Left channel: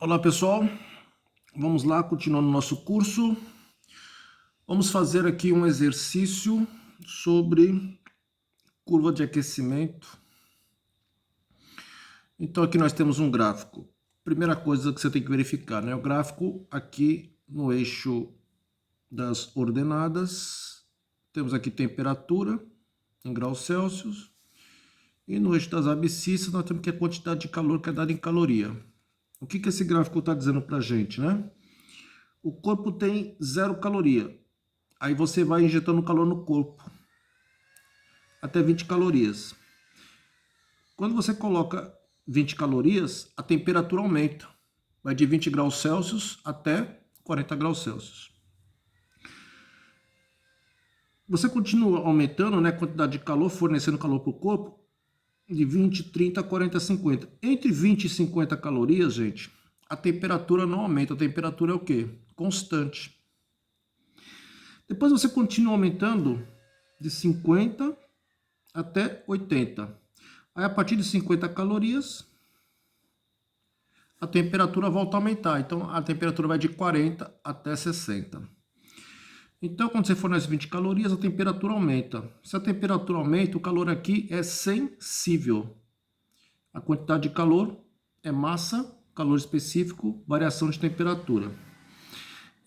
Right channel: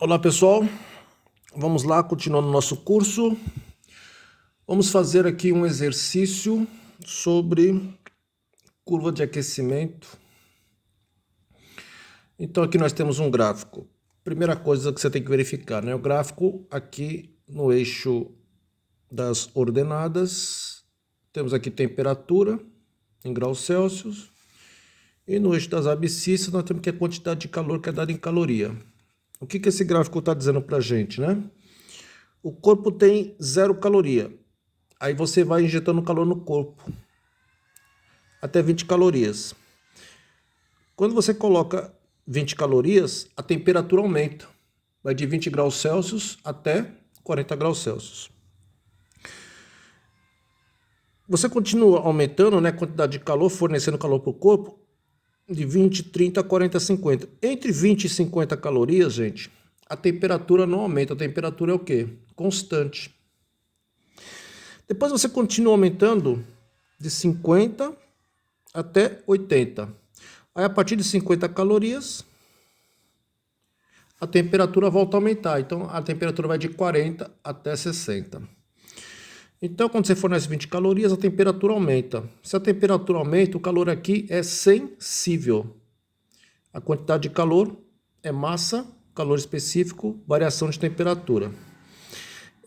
Olá pessoal, vamos lá, continuando nosso curso. Vamos fazer aqui um exercício sobre curva de aquecimento. Então aqui nós temos um gráfico. Primeira coisa que você tem que verificar, né? O gráfico aqui no eixo das ordenadas, temos aqui temperatura em graus Celsius. E no eixo das abscissas nós temos que a quantidade de calor que é dada em caloria. O que esse gráfico está dizendo para a gente, né? O corpo tem 0 caloria. Aí você vai injetando calor no corpo, até 20 calorias. Quando você coloca 20 calorias, a temperatura aumenta. Vai de 20 graus Celsius até 40 graus Celsius. Você continua aumentando, né, a quantidade de calor, fornecendo calor para o corpo, de 20, 30, 40, 50. Entre 20 e 50 calorias, gente, a temperatura não aumenta. A temperatura é o quê? Constante. Depois você continua aumentando de 50 até 80. Aí a partir de 50 calorias, a temperatura volta a aumentar. Então a temperatura vai de 40 até 60. Então quando você fornece 20 calorias, a temperatura aumenta. Se a temperatura aumenta, o calor aqui é sensível. A quantidade de calor é massa, calor específico, variação de temperatura.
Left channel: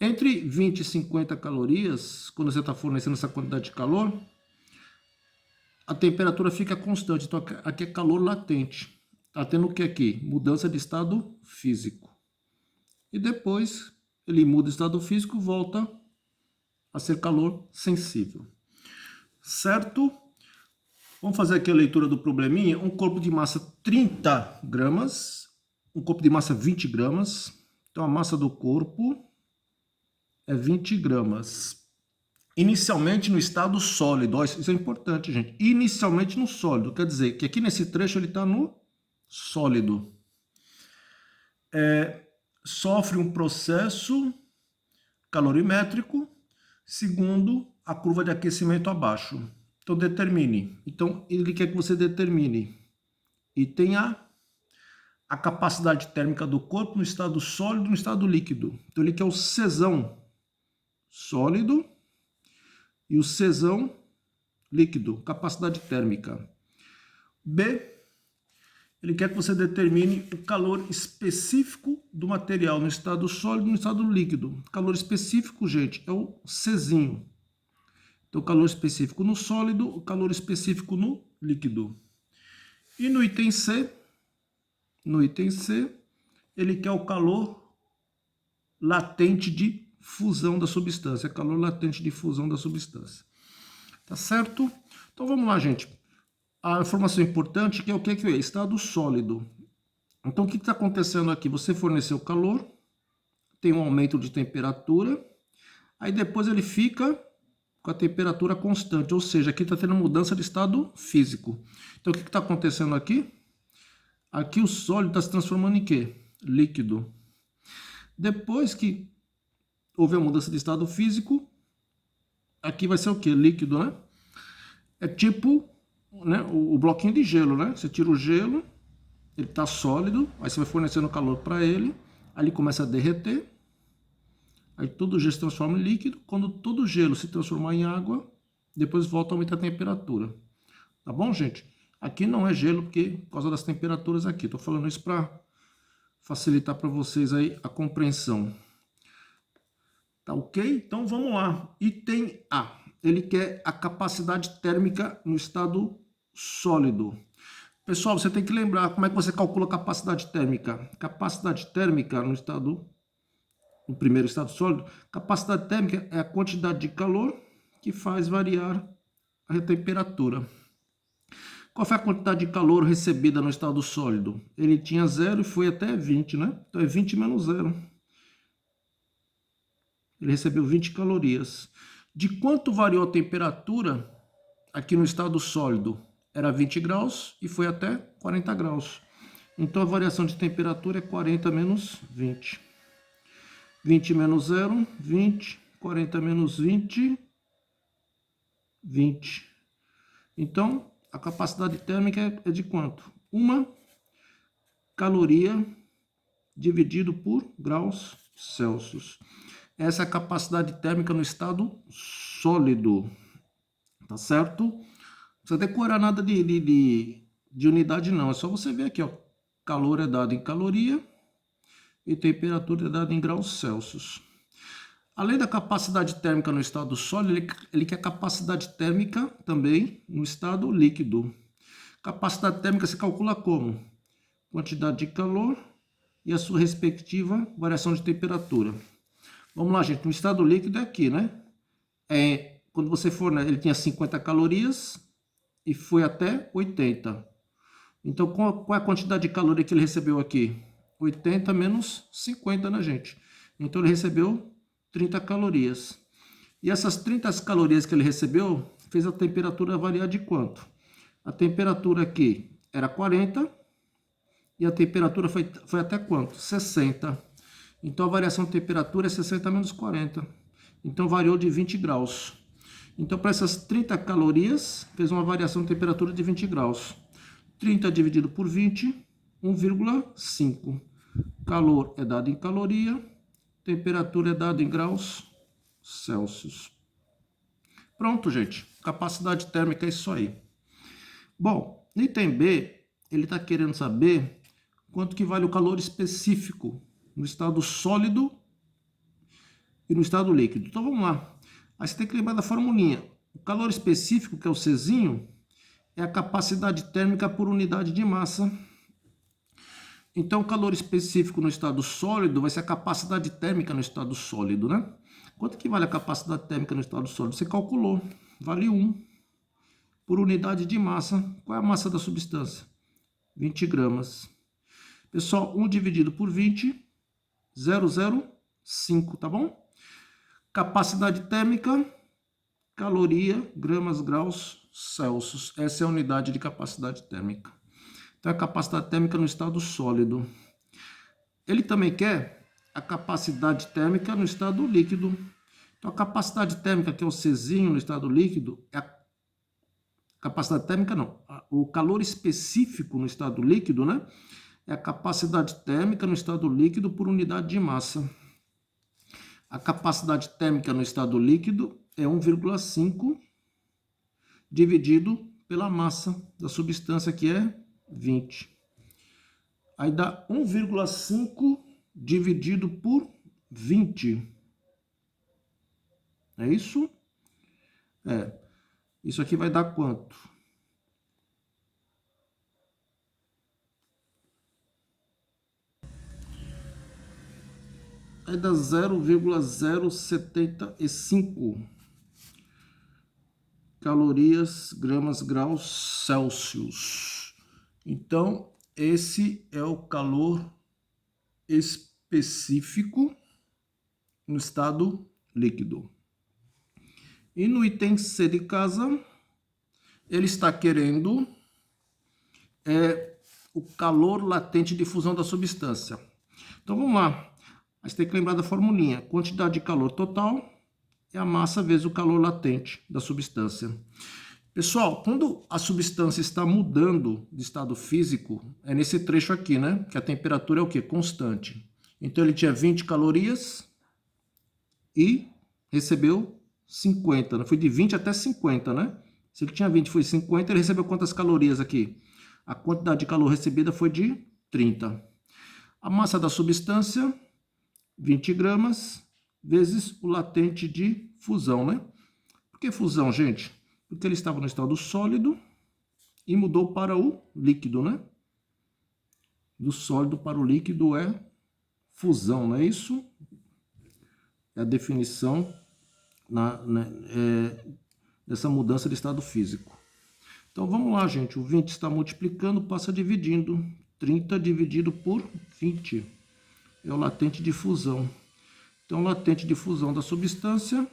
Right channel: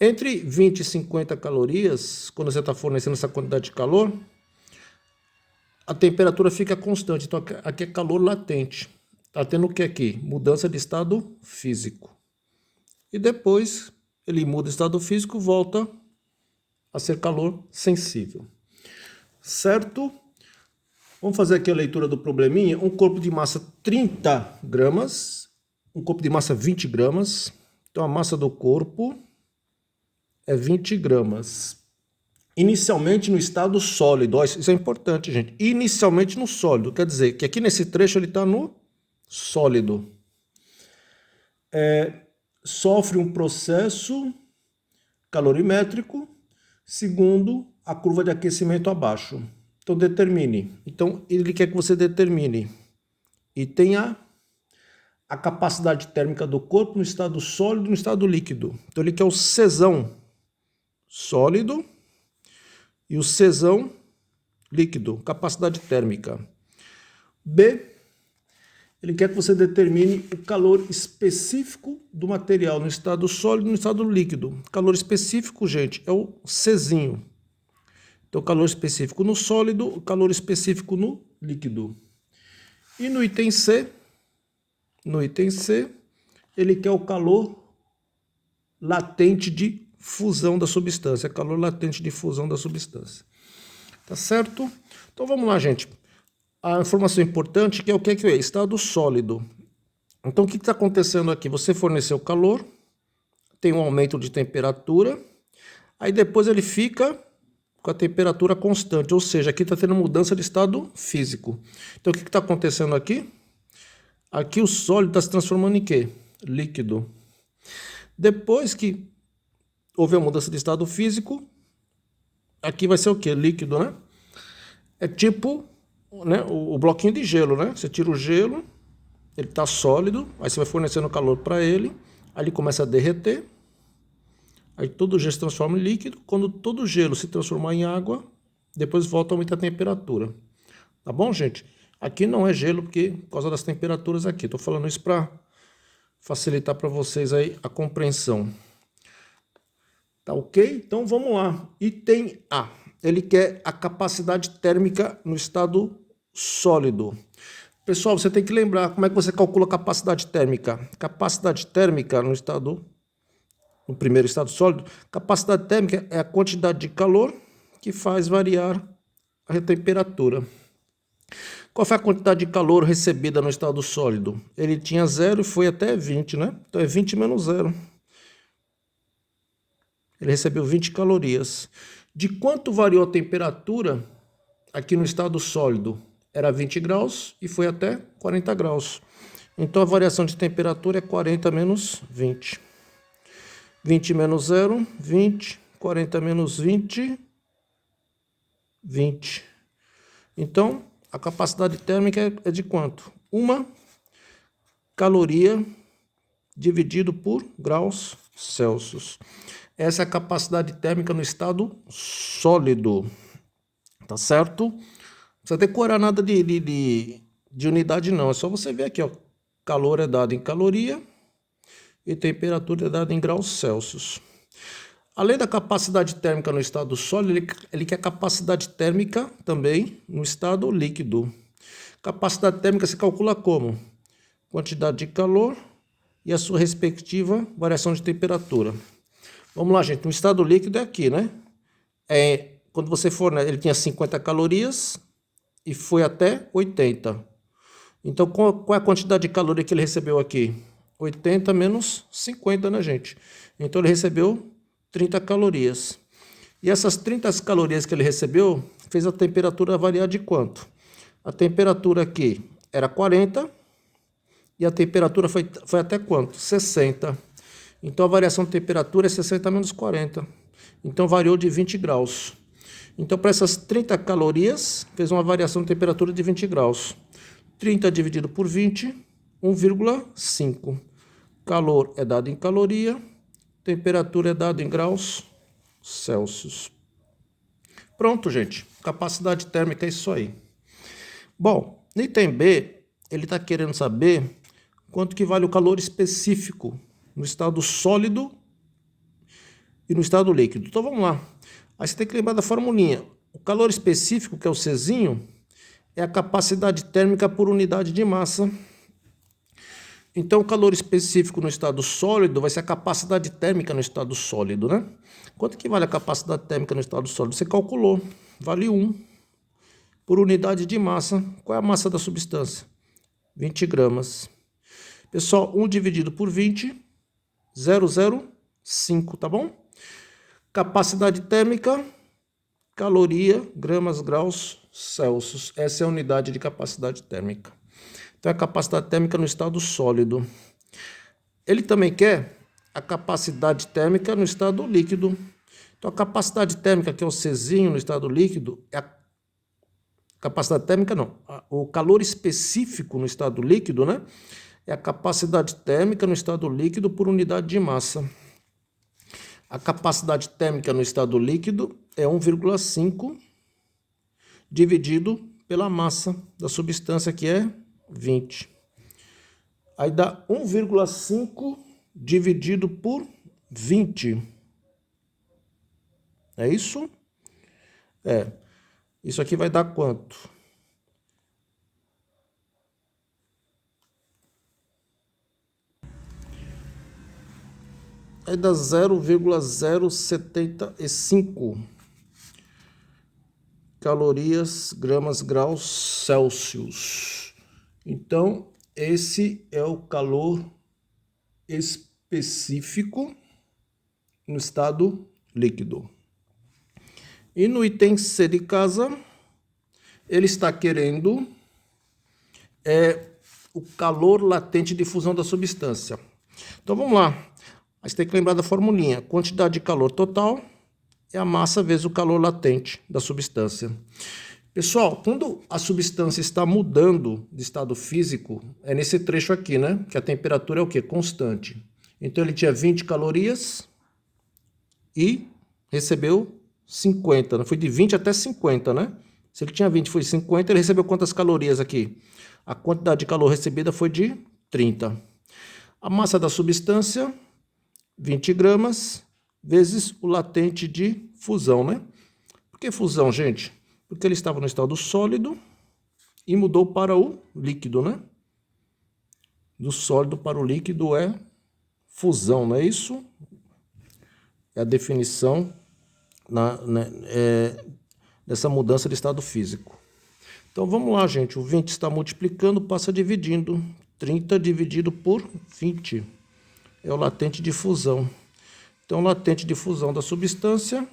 Entre 20 e 50 calorias, quando você está fornecendo essa quantidade de calor, a temperatura fica constante. Então aqui é calor latente. Está tendo o que aqui? Mudança de estado físico. E depois ele muda o estado físico, volta a ser calor sensível. Certo? Vamos fazer aqui a leitura do probleminha. Um corpo de massa 30 gramas, um corpo de massa 20 gramas. Então a massa do corpo é 20 gramas. Inicialmente no estado sólido. Isso é importante, gente. Inicialmente no sólido. Quer dizer que aqui nesse trecho ele está no sólido. Sofre um processo calorimétrico segundo a curva de aquecimento abaixo. Então determine. Então ele quer que você determine item a capacidade térmica do corpo no estado sólido e no estado líquido. Então ele quer o Czão sólido e o Czão líquido, capacidade térmica. B, ele quer que você determine o calor específico do material no estado sólido e no estado líquido. Calor específico, gente, é o Czinho. Então, calor específico no sólido, calor específico no líquido. E no item C, ele quer o calor latente de fusão da substância. Calor latente de fusão da substância. Tá certo? Então, vamos lá, gente. A informação importante que é o que é? Estado sólido. Então, o que está acontecendo aqui? Você forneceu calor, tem um aumento de temperatura, aí depois ele fica com a temperatura constante, ou seja, aqui está tendo mudança de estado físico. Então, o que está acontecendo aqui? Aqui o sólido está se transformando em quê? Líquido. Depois que houve a mudança de estado físico, aqui vai ser o quê? Líquido, né? É tipo, né, o bloquinho de gelo, né? Você tira o gelo, ele está sólido, aí você vai fornecendo calor para ele, aí ele começa a derreter, aí todo o gelo se transforma em líquido. Quando todo o gelo se transformar em água, depois volta a aumentar a temperatura. Tá bom, gente? Aqui não é gelo porque por causa das temperaturas aqui. Estou falando isso para facilitar para vocês aí a compreensão. Tá ok? Então vamos lá. Item A. Ele quer a capacidade térmica no estado sólido. Pessoal, você tem que lembrar como é que você calcula a capacidade térmica. Capacidade térmica no primeiro estado sólido, capacidade térmica é a quantidade de calor que faz variar a temperatura. Qual foi a quantidade de calor recebida no estado sólido? Ele tinha 0 e foi até 20, né? Então é 20 menos 0. Ele recebeu 20 calorias. De quanto variou a temperatura aqui no estado sólido? Era 20 graus e foi até 40 graus. Então a variação de temperatura é 40 menos 20. 20 menos 0, 20. 40 menos 20, 20. Então, a capacidade térmica é de quanto? 1 caloria dividido por graus Celsius. Essa é a capacidade térmica no estado sólido, tá certo? Não precisa decorar nada de unidade não, é só você ver aqui, ó. Calor é dado em caloria e temperatura é dada em graus Celsius. Além da capacidade térmica no estado sólido, ele quer capacidade térmica também no estado líquido. Capacidade térmica se calcula como? Quantidade de calor e a sua respectiva variação de temperatura. Vamos lá, gente. No estado líquido é aqui, né? Quando você for, né, ele tinha 50 calorias e foi até 80. Então, qual é a quantidade de caloria que ele recebeu aqui? 80 menos 50, né, gente? Então, ele recebeu 30 calorias. E essas 30 calorias que ele recebeu fez a temperatura variar de quanto? A temperatura aqui era 40 e a temperatura foi até quanto? 60. Então a variação de temperatura é 60 menos 40. Então variou de 20 graus. Então para essas 30 calorias fez uma variação de temperatura de 20 graus. 30 dividido por 20, 1,5. Calor é dado em caloria, temperatura é dada em graus Celsius. Pronto, gente. Capacidade térmica é isso aí. Bom, no item B, ele está querendo saber quanto que vale o calor específico no estado sólido e no estado líquido. Então vamos lá. Aí você tem que lembrar da formulinha. O calor específico, que é o Czinho, é a capacidade térmica por unidade de massa. Então o calor específico no estado sólido vai ser a capacidade térmica no estado sólido, né? Quanto que vale a capacidade térmica no estado sólido? Você calculou. Vale 1 por unidade de massa. Qual é a massa da substância? 20 gramas. Pessoal, 1 dividido por 20, 0,05, tá bom? Capacidade térmica, caloria, gramas, graus, Celsius. Essa é a unidade de capacidade térmica. Então, é a capacidade térmica no estado sólido. Ele também quer a capacidade térmica no estado líquido. Então, a capacidade térmica, que é o Czinho no estado líquido, é a capacidade térmica, não. O calor específico no estado líquido, né? É a capacidade térmica no estado líquido por unidade de massa. A capacidade térmica no estado líquido é 1,5 dividido pela massa da substância, que é 20. Aí dá 1,5 dividido por 20. É isso? É. Isso aqui vai dar quanto? Aí dá 0,075 calorias, gramas, graus Celsius. Então, esse é o calor específico no estado líquido. E no item C de casa, ele está querendo o calor latente de fusão da substância. Então vamos lá. Mas tem que lembrar da formulinha. Quantidade de calor total é a massa vezes o calor latente da substância. Pessoal, quando a substância está mudando de estado físico, é nesse trecho aqui, né? Que a temperatura é o quê? Constante. Então ele tinha 20 calorias e recebeu 50. Né? Foi de 20 até 50, né? Se ele tinha 20 foi 50, ele recebeu quantas calorias aqui? A quantidade de calor recebida foi de 30. A massa da substância, 20 gramas, vezes o latente de fusão, né? Por que fusão, gente? Porque ele estava no estado sólido e mudou para o líquido, né? Do sólido para o líquido é fusão, não é isso? É a definição dessa mudança de estado físico. Então vamos lá, gente. O 20 está multiplicando, passa dividindo. 30 dividido por 20 é o latente de fusão. Então, o latente de fusão da substância,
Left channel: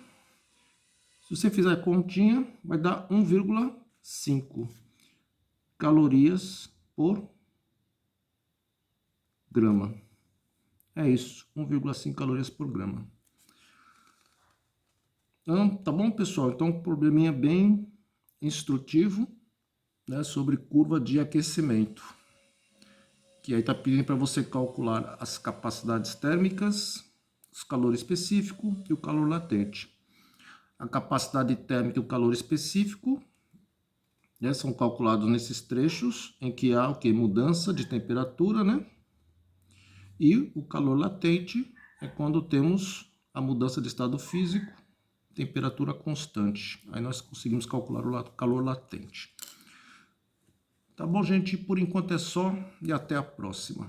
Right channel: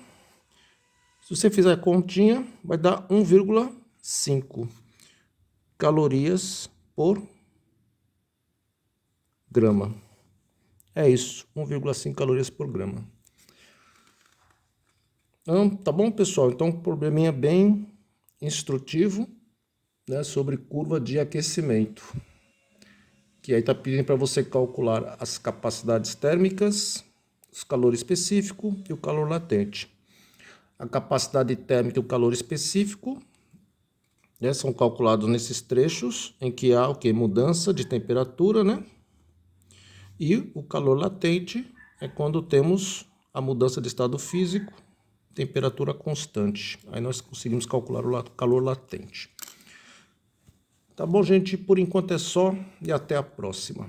se você fizer a continha, vai dar 1,5 calorias por grama. É isso, 1,5 calorias por grama. Então, tá bom, pessoal? Então, um probleminha bem instrutivo, né, sobre curva de aquecimento, que aí está pedindo para você calcular as capacidades térmicas, o calor específico e o calor latente. A capacidade térmica e o calor específico, né, são calculados nesses trechos em que há o que? Mudança de temperatura, né? E o calor latente é quando temos a mudança de estado físico, temperatura constante. Aí nós conseguimos calcular o calor latente. Tá bom, gente? Por enquanto é só e até a próxima.